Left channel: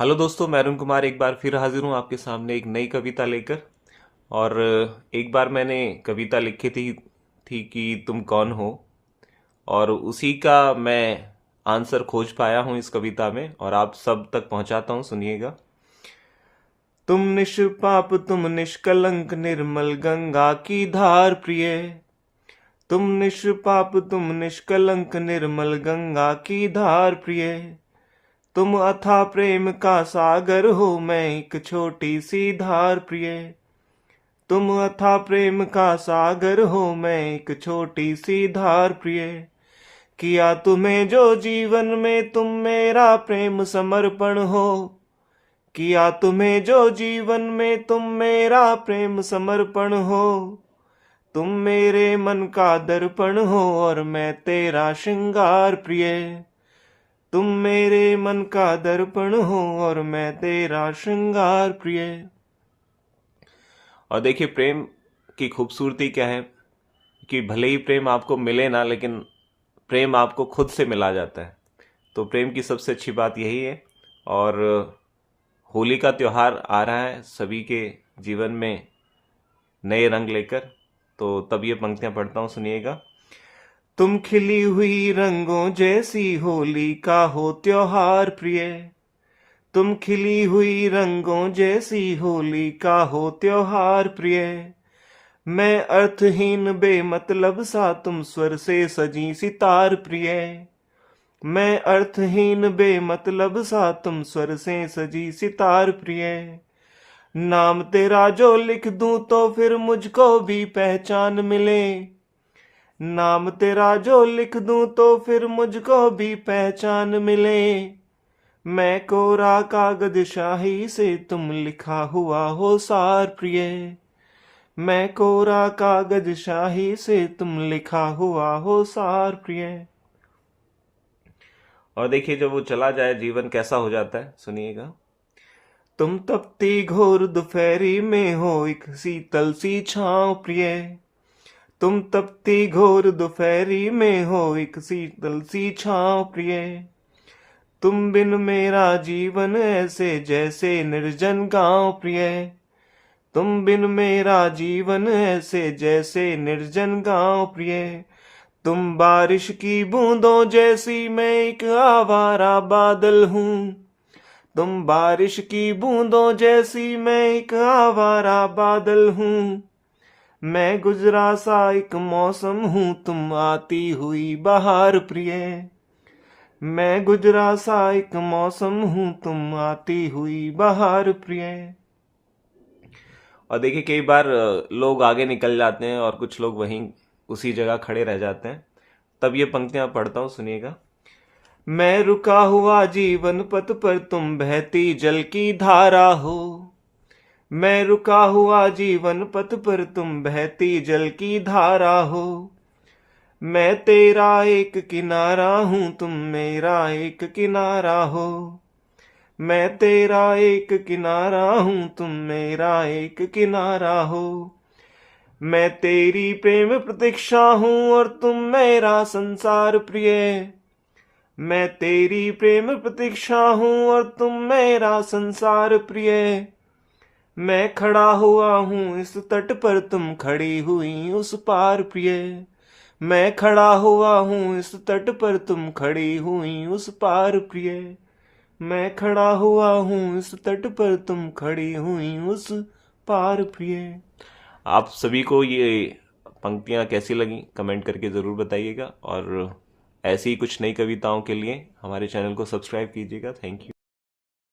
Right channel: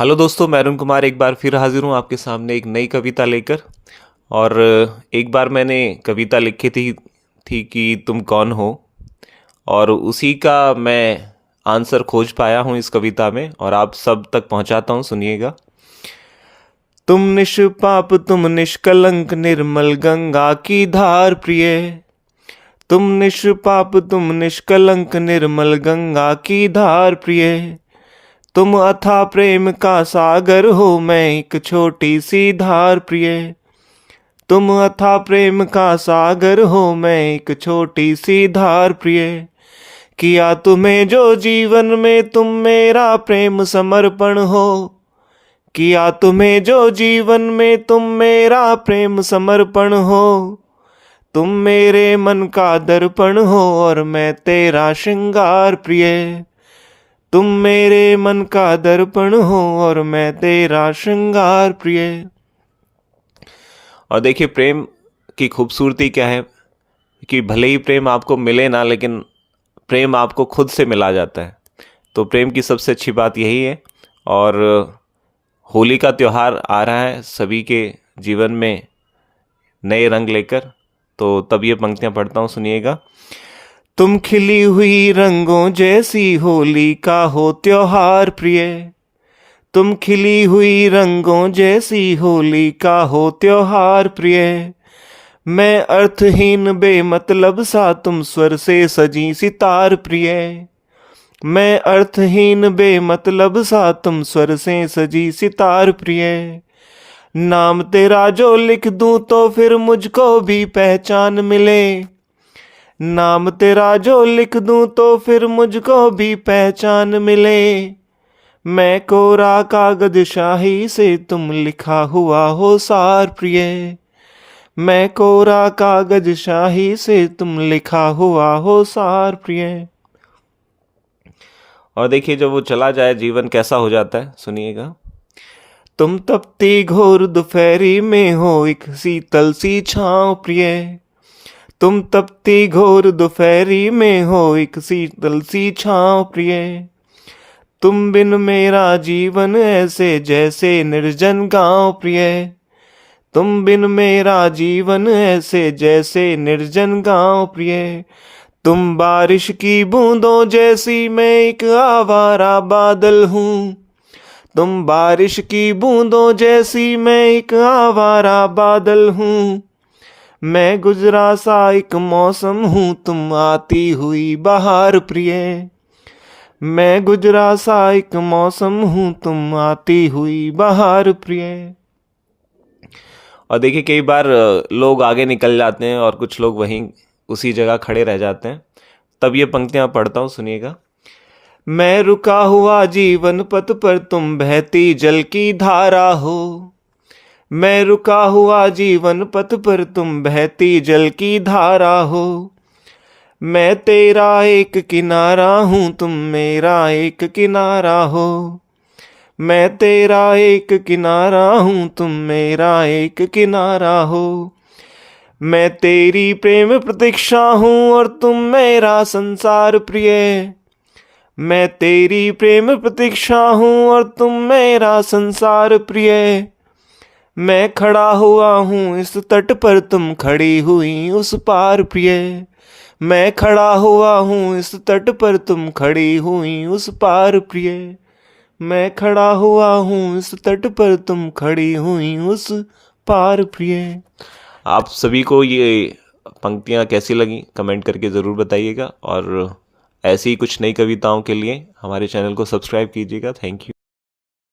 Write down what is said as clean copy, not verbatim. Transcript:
Hello दोस्तों, मैं अरुण कुमार एक बार फिर हाजिर हूँ आपके सामने एक नई कविता लेकर। और एक बार मैंने कविता लिखी थी कि तुम कौन हो, और उसी का मैं आंसर खोज पाया हूँ इस कविता में और आप सब तक पहुँचाता हूँ, सुनिएगा। तुम निष्पाप, तुम निष्कलंक, निर्मल गंगा की धार प्रिय। तुम निष्पाप, तुम निष्कलंक, निर्मल गंगा की धार प्रिय। तुम अथाह प्रेम का सागर हो, मैं एक छोटी सी धार प्रिय। तुम अथाह प्रेम का सागर हो, मैं एक छोटी सी धार प्रिय। किया तुम्हें जो जीवन में, तुम मेरा प्रेम समर्पण हो। किया तुम्हें जो जीवन में, तुम मेरा प्रेम समर्पण हो। तुम मेरे मन का दर्पण हो और मैं तेरा श्रृंगार प्रिय। तुम मेरे मन का दर्पण हो और मैं तेरा श्रृंगार प्रिय। और देखिए, प्रेम की खूबसूरती क्या है कि भले ही प्रेम आपको मिले ना, लेकिन प्रेम आपको खुद से मिला जाता है। तो प्रेम की सबसे अच्छी बात यही है। और होली का त्यौहार आ रहा है सभी के जीवन में नए रंग लेकर, तो तब ये पंक्तियां पढ़ता हूँ, सुनिएगा। तुम खिली हुई रंगों जैसी होली का हो त्योहार प्रिय। तुम खिली हुई रंगों जैसी होली का हो त्योहार प्रिय। मैं अर्थहीन बेमतलब सा, तुम स्वर से सजी सितार प्रिय। मैं अर्थहीन बेमतलब सा, तुम स्वर से सजी सितार प्रिय। नाम तेरा जो लिख दूं तो फिर मुझको भी पहचान मिले। नाम तेरा जो लिख दूं तो फिर मुझको भी पहचान मिले। मैं कोरा कागज शाही से, तुम लिखा हुआ हो सार प्रिय। मैं कोरा कागज शाही से, तुम लिखा हुआ हो सार प्रिय। और देखिए, जब वो चला जाए जीवन कैसा हो जाता है, सुनिएगा। तुम तपती घोर दोपहरी में हो एक शीतल सी छांव प्रिय। तुम तपती घोर दोपहरी में हो एक शीतल सी छांव प्रिय। तुम बिन मेरा जीवन ऐसे जैसे निर्जन गांव प्रिय। तुम बिन मेरा जीवन ऐसे जैसे निर्जन गांव प्रिय। तुम बारिश की बूंदों जैसी, मैं एक आवारा बादल हूँ। तुम बारिश की बूंदों जैसी, मैं एक आवारा बादल हूँ। मैं गुजरा सा एक मौसम हूँ, तुम आती हुई बहार प्रिय। मैं गुजरा सा एक मौसम हूँ, तुम आती हुई बहार प्रिय। और देखिए, कई बार लोग आगे निकल जाते हैं और कुछ लोग वहीं उसी जगह खड़े रह जाते हैं। तब ये पंक्तियां पढ़ता हूँ, सुनिएगा। मैं रुका हुआ जीवन पथ पर, तुम बहती जल की धारा हो। मैं रुका हुआ जीवन पथ पर, तुम बहती जल की धारा हो। मैं तेरा एक किनारा हूँ, तुम मेरा एक किनारा हो। मैं तेरा एक किनारा हूँ, तुम मेरा एक किनारा हो। मैं तेरी प्रेम प्रतीक्षा हूँ और तुम मेरा संसार प्रिय। मैं तेरी प्रेम प्रतीक्षा हूँ और तुम मेरा संसार प्रिय। मैं खड़ा हुआ हूँ इस तट पर, तुम खड़ी हुई उस पार प्रिय। मैं खड़ा हुआ हूँ इस तट पर, तुम खड़ी हुई उस पार प्रिय। मैं खड़ा हुआ हूँ इस तट पर, तुम खड़ी हुई उस पार प्रिय। आप सभी को ये पंक्तियाँ कैसी लगी कमेंट करके ज़रूर बताइएगा, और ऐसी ही कुछ नई कविताओं के लिए हमारे चैनल को सब्सक्राइब कीजिएगा। Thank you.